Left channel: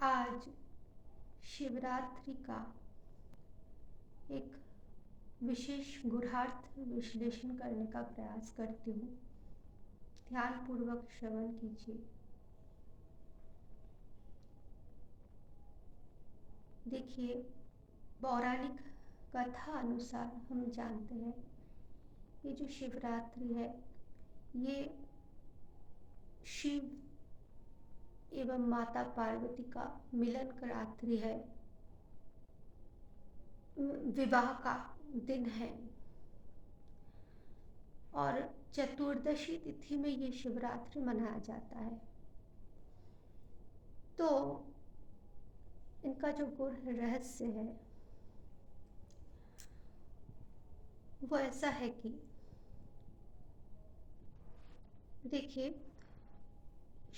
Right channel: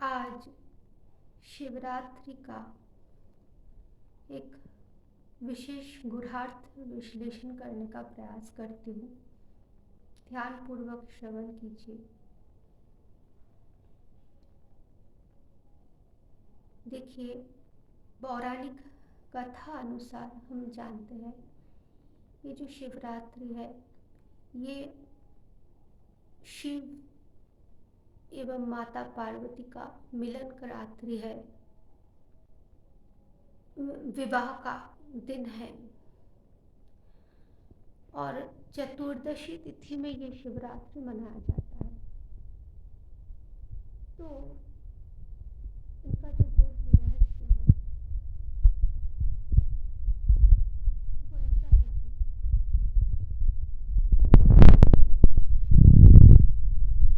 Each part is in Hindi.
आज शिवरात्रि का एक विशेष गूढ़ार्थ विश्लेषण करने का प्रयास करती हूँ। ध्यानपूर्वक श्रवण कीजिए। देखिए, पौराणिक कथा अनुसार हम जानते हैं ये जो शिवरात्रि है ये शिव एवं माता पार्वती का मिलन का रात्रि है, विवाह का दिन है और चतुर्दशी तिथि में ये शिवरात्रि मनाया जाता है। तो इनका जो गूढ़ रहस्य है वो ऐसा है कि देखिए,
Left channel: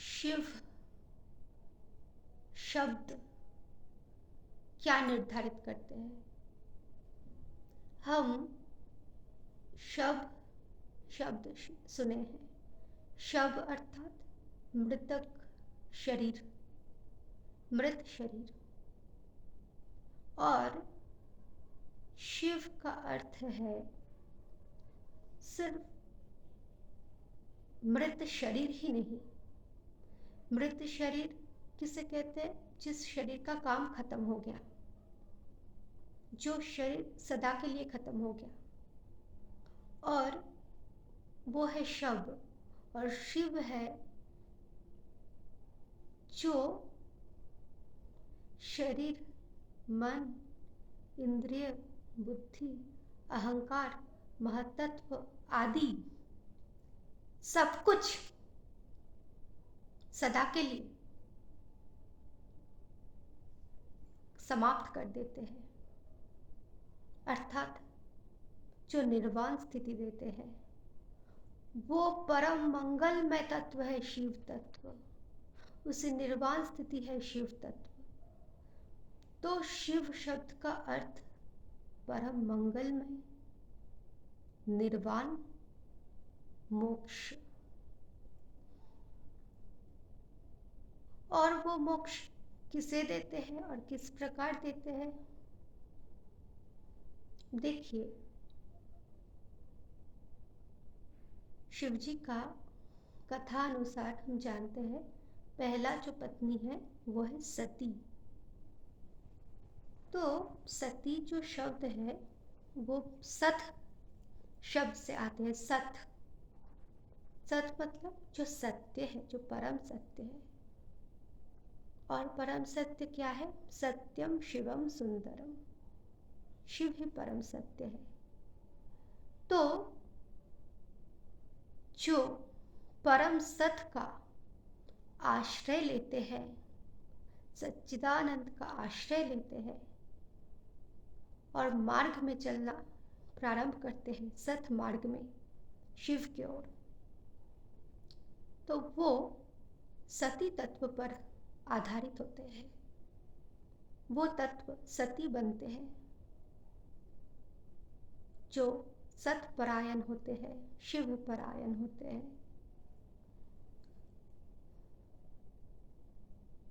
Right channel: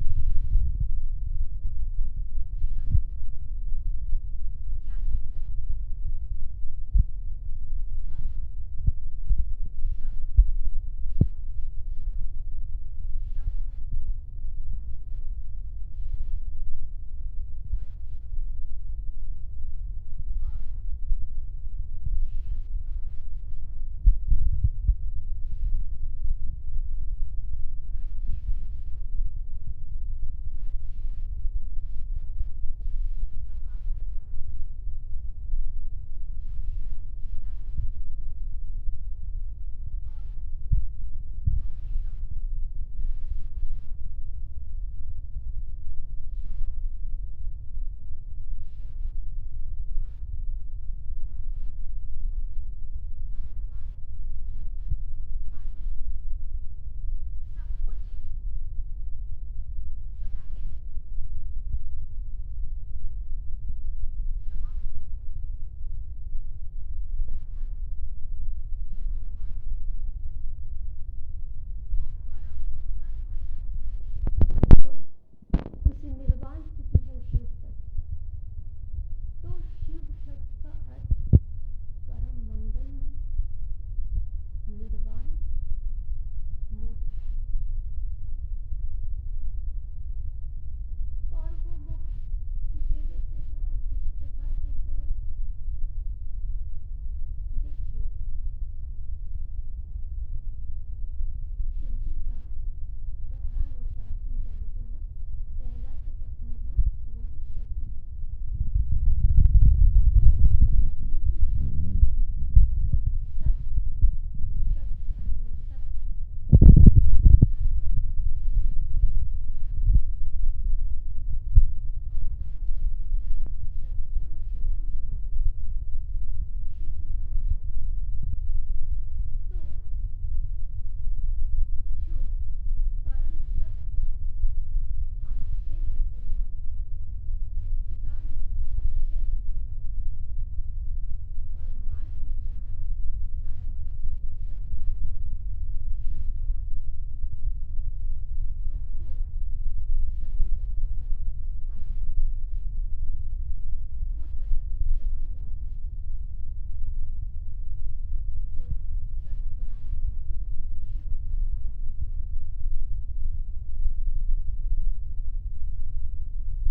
शिव शब्द क्या निर्धारित करते हैं। हम शब्द सुने हैं। शव अर्थात मृतक शरीर, मृत शरीर, और शिव का अर्थ है सिर्फ मृत शरीर ही नहीं। मृत शरीर किसे कहते हैं? जिस शरीर का काम खत्म हो गया, जो शरीर सदा के लिए खत्म हो गया, और वो है शव। और शिव है जो शरीर, मन, इंद्रिय, बुद्धि, अहंकार, महत्त्व आदि सब कुछ सदा के लिए समाप्त कर देते हैं, अर्थात जो निर्वाण स्थिति देते हैं। वो परम मंगलमय तत्व है शिव तत्व, उसी निर्वाण स्थिति है शिव तत्व। तो शिव शब्द का अर्थ परम मंगलमय, निर्वाण, मोक्ष। और वो मोक्ष किसे देते हैं और किस प्रकार देते हैं? देखिए, शिवजी का कथा अनुसार हम जानते हैं पहला जो पत्नी है वो है सती। तो सती जो शब्द है वो सत शब्द से आते हैं। सत मतलब जो सत्य है, जो परम सत्य है। और परम सत्य क्या है? सत्यम शिवम सुंदरम। शिव ही परम सत्य है। तो जो परम सत्य का आश्रय लेते हैं, सच्चिदानंद का आश्रय लेते हैं और मार्ग में चलना प्रारंभ करते हैं, सत मार्ग में शिव की ओर, तो वो सती तत्व पर आधारित होते हैं। वो तत्व सती बनते हैं जो सत परायण होते हैं, शिव परायण होते हैं।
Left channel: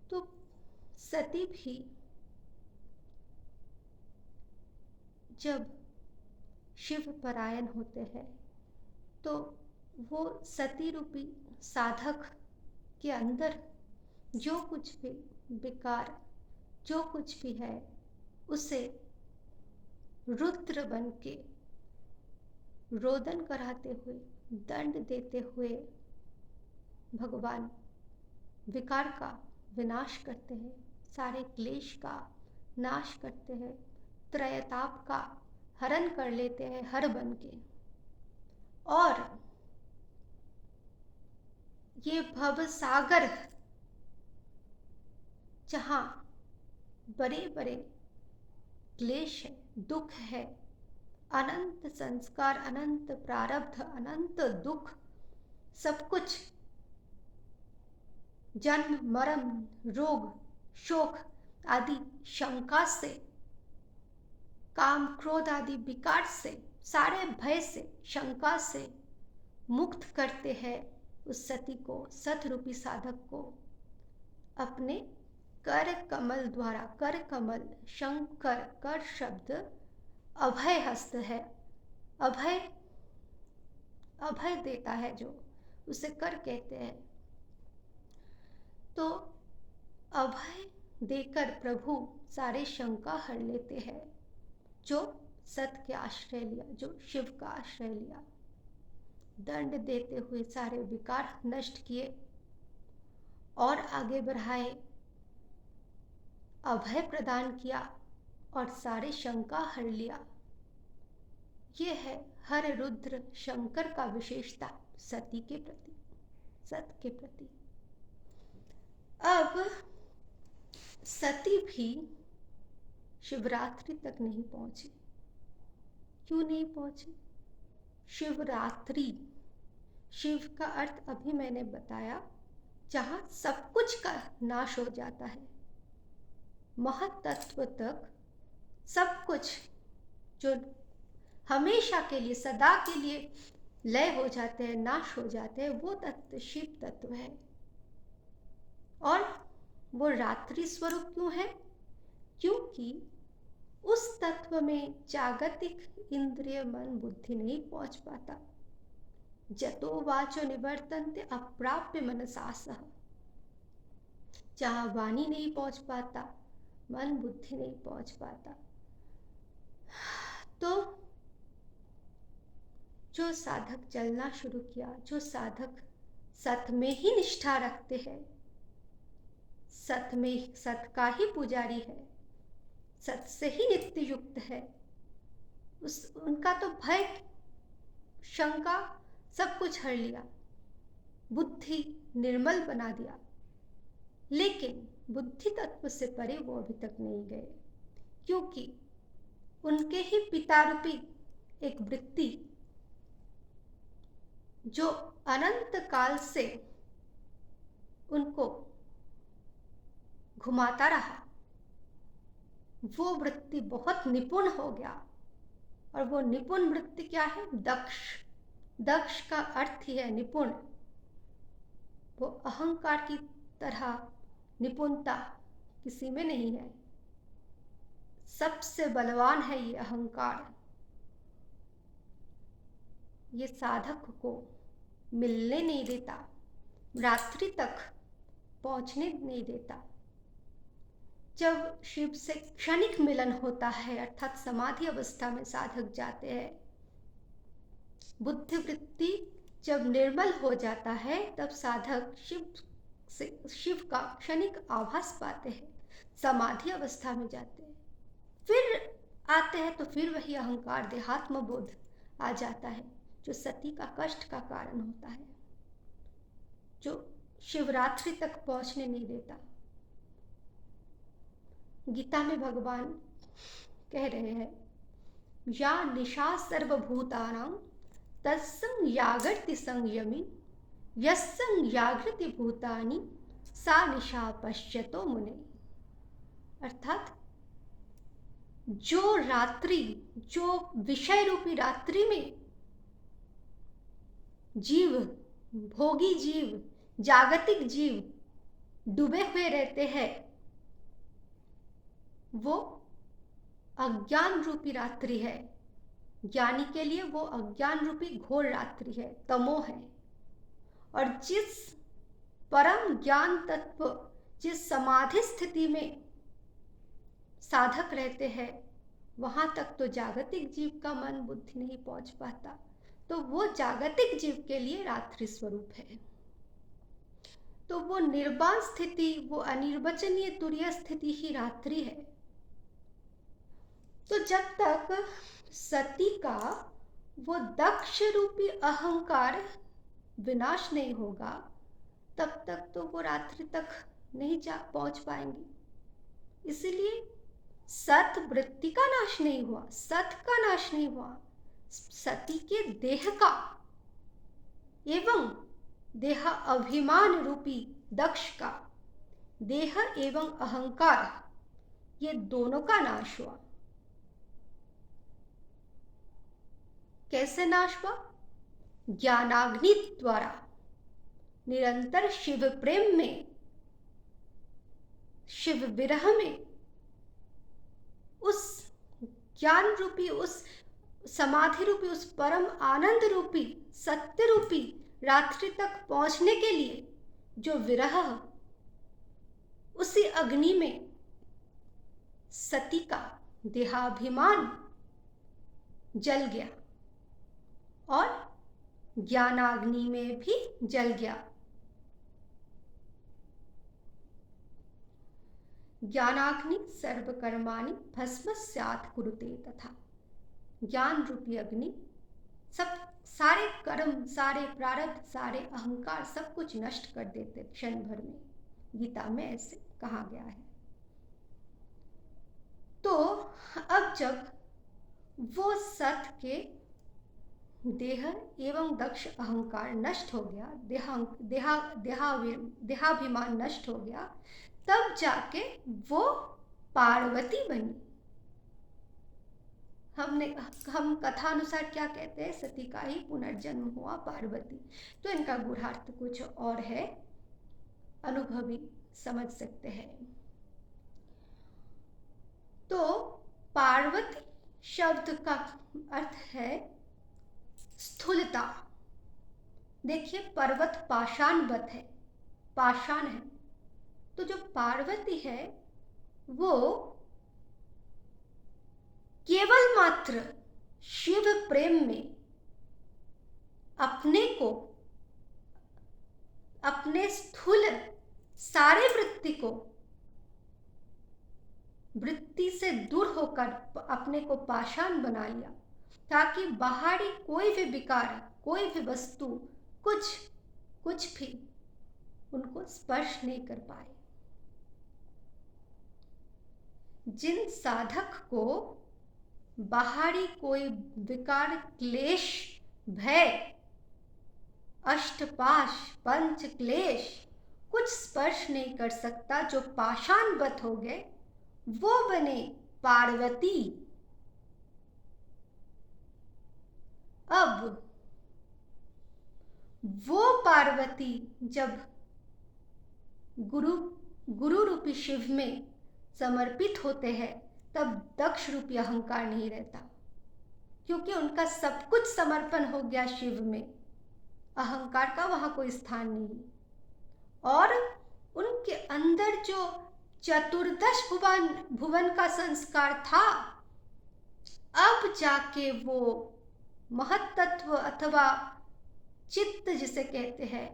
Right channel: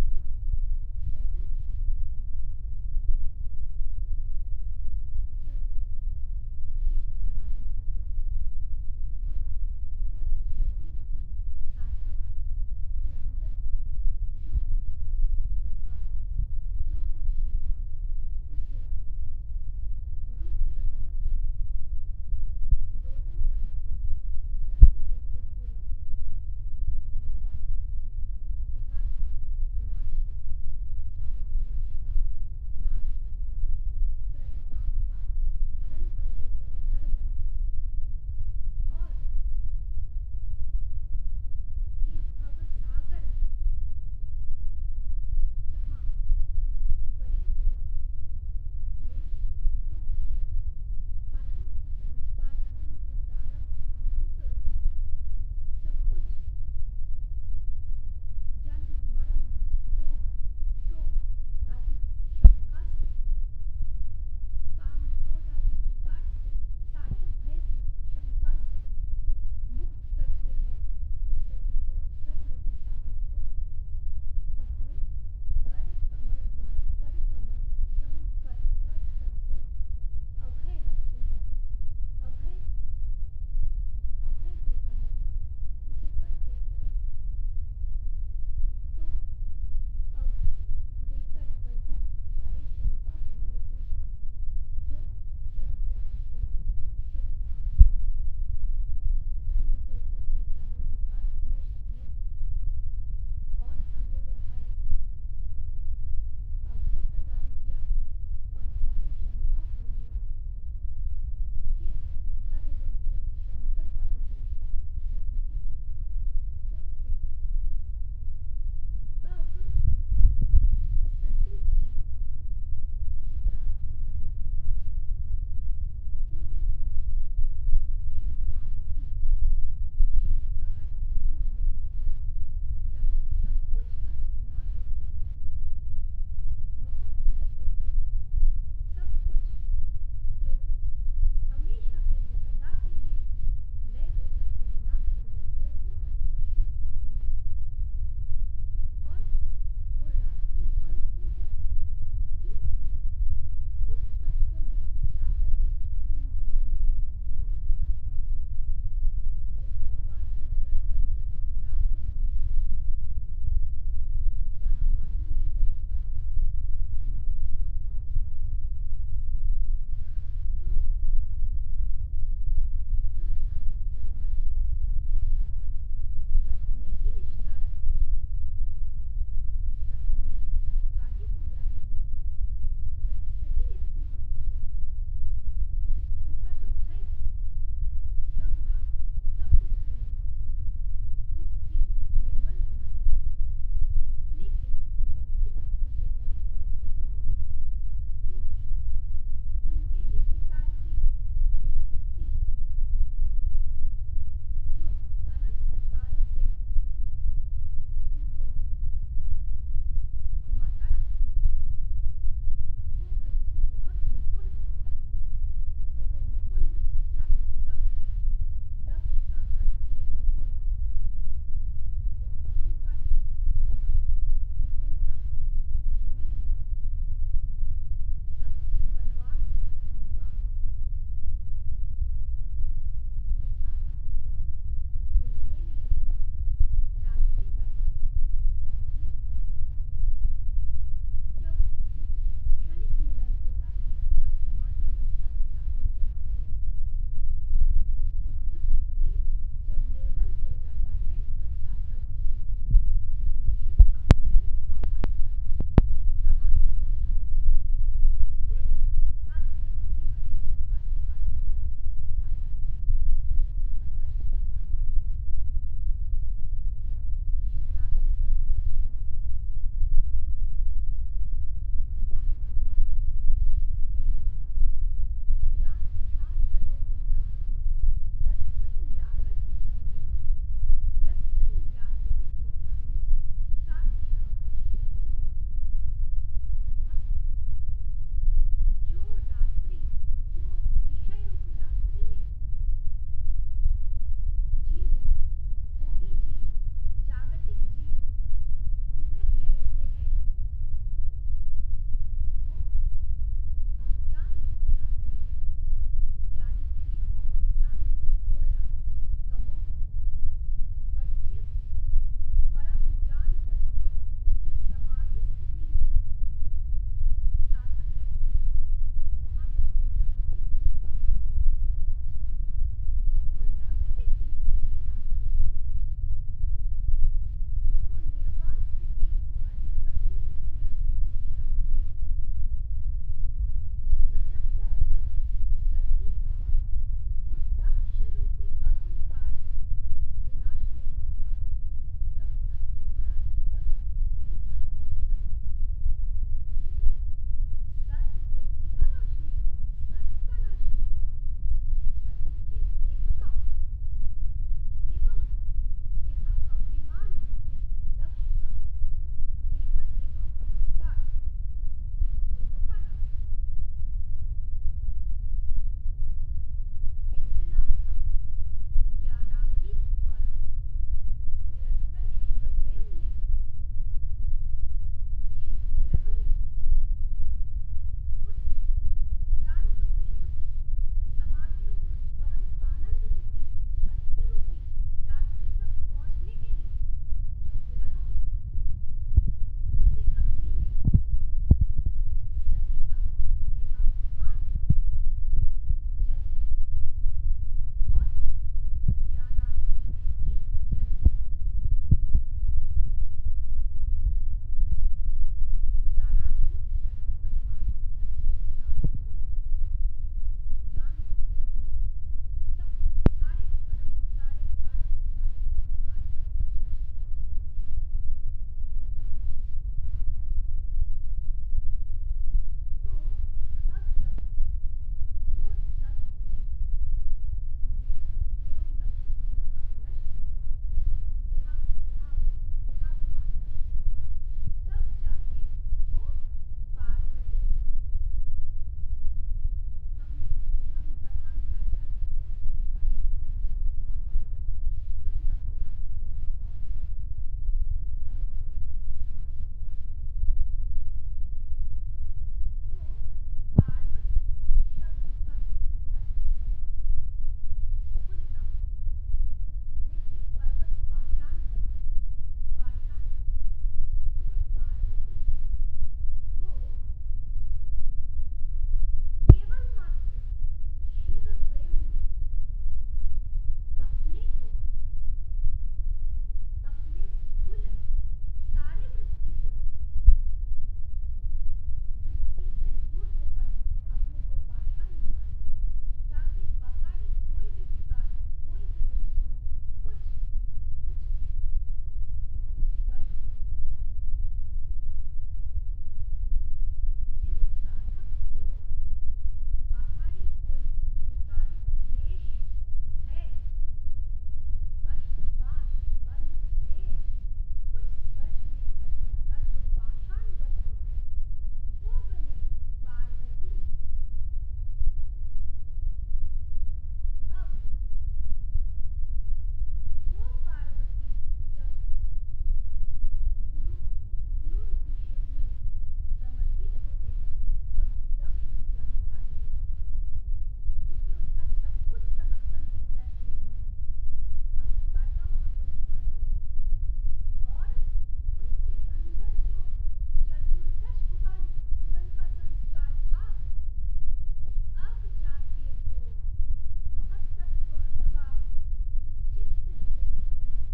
तो सती भी जब शिव परायण होते हैं तो वो सती रूपी साधक के अंदर जो कुछ भी विकार, जो कुछ भी है, उसे रुद्र बन के रोदन कराते हुए, दंड देते हुए भगवान विकार का विनाश करते हैं, सारे क्लेश का नाश करते हैं, त्रयताप का हरण कर लेते हैं हर बन के। और ये भव सागर, जहां बड़े बड़े क्लेश है, दुख है, अनंत संस्कार, अनंत प्रारब्ध, अनंत दुख, सब कुछ, जन्म, मरण, रोग, शोक आदि शंका से, काम, क्रोध आदि विकार से, सारे भय से, शंका से मुक्त करते हैं उस सती को, सत रूपी साधक को अपने कर कमल द्वारा, कर कमल शंकर, कर शब्द अभय हस्त है, अभय अभय देता है जो, उसे कर कहते हैं। तो अभय देकर प्रभु सारे शंका हर लेते हैं, जो सत के आश्रय लिया, जो शिव का आश्रय लिया। दंड देते हुए सारे विकार नष्ट किए और आगे बढ़ाए, अभय प्रदान किया और सारे शंका हर लिया। ये है हर रुद्र शंकर का विशेषता सती के प्रति, सत के प्रति। अब सती भी शिवरात्रि तक नहीं पहुंची। क्यों नहीं पहुंची? शिवरात्रि, शिव का अर्थ अभी मैंने बताया, जहां सब कुछ का नाश हो जाता है। महत्त्व तक सब कुछ जो हमेशा के लिए, सदा के लिए लय हो जाते हैं, नाश हो जाते हैं, वो तत्व शिव तत्व है। और वो रात्रि स्वरूप क्यों है? क्योंकि उस तत्व में जागतिक इंद्रिय मन बुद्धि नहीं पहुंच पाता। जतो वाचो निवर्तन्ते अप्राप्य मनसा सह, जहां वाणी नहीं पहुंच पाता, मन बुद्धि नहीं पहुंच पाता। तो जो साधक चलना शुरू किया, जो साधक सत में ही निष्ठा रखते हैं, सत में, सत का ही पुजारी है, सत से ही नित्य युक्त है, उनका तो भय, शंका सब कुछ हर लिया, बुद्धि निर्मल बना दिया। लेकिन बुद्धि तत्व से परे वो अभी तक नहीं गए, क्योंकि उनके ही पिता रूपी एक वृत्ति जो अनंत काल से उनको घुमाता रहा, वो वृत्ति बहुत निपुण हो गया। और वो निपुण वृत्ति क्या है? दक्ष। दक्ष का अर्थ ही है निपुण। वो अहंकार की तरह निपुणता किसी में नहीं है। सबसे बलवान है ये अहंकार। ये साधक को मिलने नहीं देता, रात्रि तक पहुंचने नहीं देता। जब शिव से क्षणिक मिलन होता है, अर्थात समाधि अवस्था में साधक जाते हैं, बुद्धि वृत्ति जब निर्मल हो जाता है, तब साधक शिव का क्षणिक आभास पाते हैं, समाधि अवस्था में जाते हैं। फिर आते हैं तो फिर वही अहंकार, देहात्म बोध आ जाता है, जो सती का कष्ट का कारण होता है, जो शिवरात्रि तक पहुंचने नहीं देता। गीता में भगवान कह रहे हैं, या निशा सर्वभूतानां तत्सं यागर्ति संयमी, यस्सं यागृति भूतानि सा निशा पश्यतो मुने। अर्थात जो रात्रि, जो विषय रूपी रात्रि में जीव, भोगी जीव, जागतिक जीव डूबे हुए रहते हैं, वो अज्ञान रूपी रात्रि है। ज्ञानी के लिए वो अज्ञान रूपी घोर रात्रि है, तमो है। और जिस परम ज्ञान तत्व, जिस समाधि स्थिति में साधक रहते हैं, वहां तक तो जागतिक जीव का मन बुद्धि नहीं पहुंच पाता। तो वो जागतिक जीव के लिए रात्रि स्वरूप है। तो वो निर्वाण स्थिति, वो अनिर्वचनीय तुरीय स्थिति ही रात्रि है। तो जब तक सती का वो दक्ष रूपी अहंकार विनाश नहीं होगा, तब तक तो वो रात्रि तक नहीं पहुंच पाएंगी। इसलिए सत वृत्ति का नाश नहीं हुआ, सत का नाश नहीं हुआ, सती के देह का एवं देह अभिमान रूपी दक्ष का, देह एवं अहंकार, ये दोनों का नाश हुआ। कैसे नाश हुआ? ज्ञानाग्नि द्वारा। निरंतर शिव प्रेम में, शिव शिव विरह में उस ज्ञान रूपी, उस समाधि रूपी, उस परम आनंद रूपी, सत्य रूपी रात्रि तक पहुंचने के लिए जो विरह, उसी अग्नि में सती का देहाभिमान जल गया और ज्ञानाग्नि में भी जल गया। ज्ञानाग्नि सर्वकर्माणि भस्मस्यात् कुरुते तथा। ज्ञान रूपी अग्नि सब सारे कर्म, सारे प्रारब्ध, सारे अहंकार सब कुछ नष्ट कर देते क्षण भर में। गीता में ऐसे कहा गया है। तो अब जब वो सत के देह एवं दक्ष अहंकार नष्ट हो गया, देहाभिमान नष्ट हो गया, तब जाके वो पार्वती बनी। हम कथा अनुसार क्या कहते हैं, सती का ही पुनर्जन्म हुआ पार्वती। तो इनका गूढ़ार्थ कुछ और है, अनुभवी समझ सकते हैं। तो पार्वती शब्द का अर्थ है स्थूलता। देखिए, पर्वत पाषाणवत है, पाषाण है, तो जो पार्वती है वो केवल मात्र शिव प्रेम में अपने को, अपने स्थूल सारे वृत्ति से दूर होकर अपने को पाषाण बना लिया, ताकि बाहरी कोई भी विकार, कोई भी वस्तु, कुछ भी उनको स्पर्श नहीं कर पाए। जिन साधक को बाहरी कोई विकार, क्लेश, भय, अष्टपाश, पंच क्लेश कुछ स्पर्श नहीं कर सकता, जो पाषाणवत हो गए, वो बने पार्वती। अब वो पार्वती जब गुरु रूपी शिव में समर्पित होते हैं, तब दक्ष रूपी अहंकार नहीं रहता, क्योंकि उनका सब कुछ समर्पण हो गया शिव में। अहंकार का वहां कोई स्थान नहीं, और उनके अंदर जो चतुर्दश भुवन का संस्कार था, अब जाके वो महत्तत्व अथवा चित्त जिसे कहते हैं,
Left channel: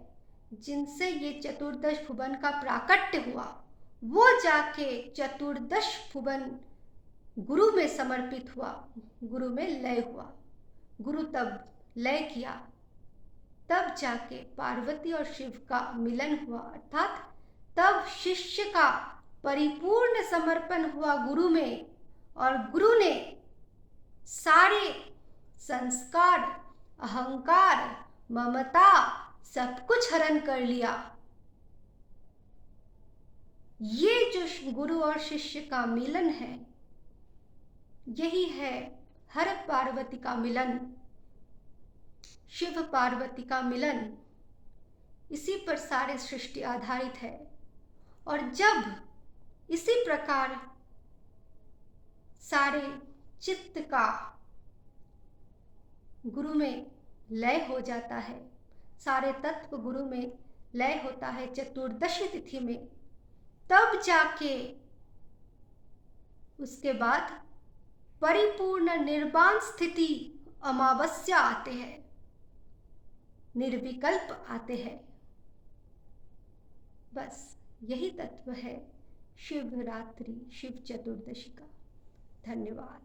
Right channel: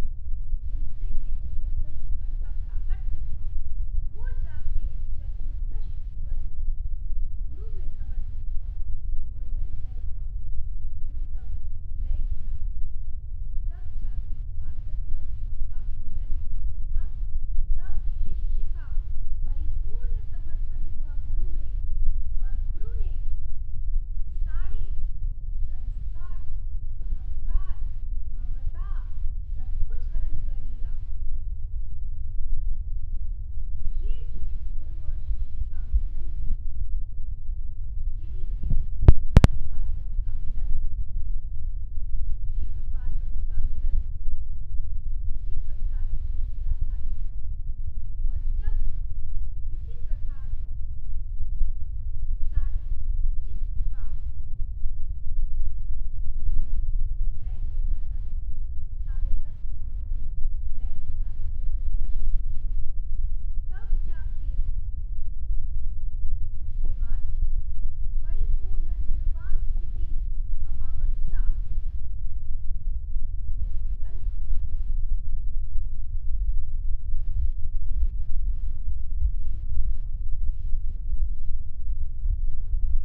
जिनसे ये चतुर्दश भुवन का प्राकट्य हुआ, वो जाके चतुर्दश भुवन गुरु में समर्पित हुआ, गुरु में लय हुआ। गुरु तब लय किया, तब जाके पार्वती और शिव का मिलन हुआ, अर्थात तब शिष्य का परिपूर्ण समर्पण हुआ गुरु में, और गुरु ने सारे संस्कार, अहंकार, ममता सब कुछ हरण कर लिया। ये जो गुरु और शिष्य का मिलन है, यही है हर पार्वती का मिलन, शिव पार्वती का मिलन। इसी पर सारे सृष्टि आधारित है। और जब इसी प्रकार सारे चित्त का गुरु में लय हो जाता है, सारे तत्व गुरु में लय होता है चतुर्दशी तिथि में, तब जाके उसके बाद परिपूर्ण निर्वाण स्थिति अमावस्या आते हैं, निर्विकल्प आते हैं। बस यही तत्व है शिवरात्रि, शिव चतुर्दशी का। धन्यवाद।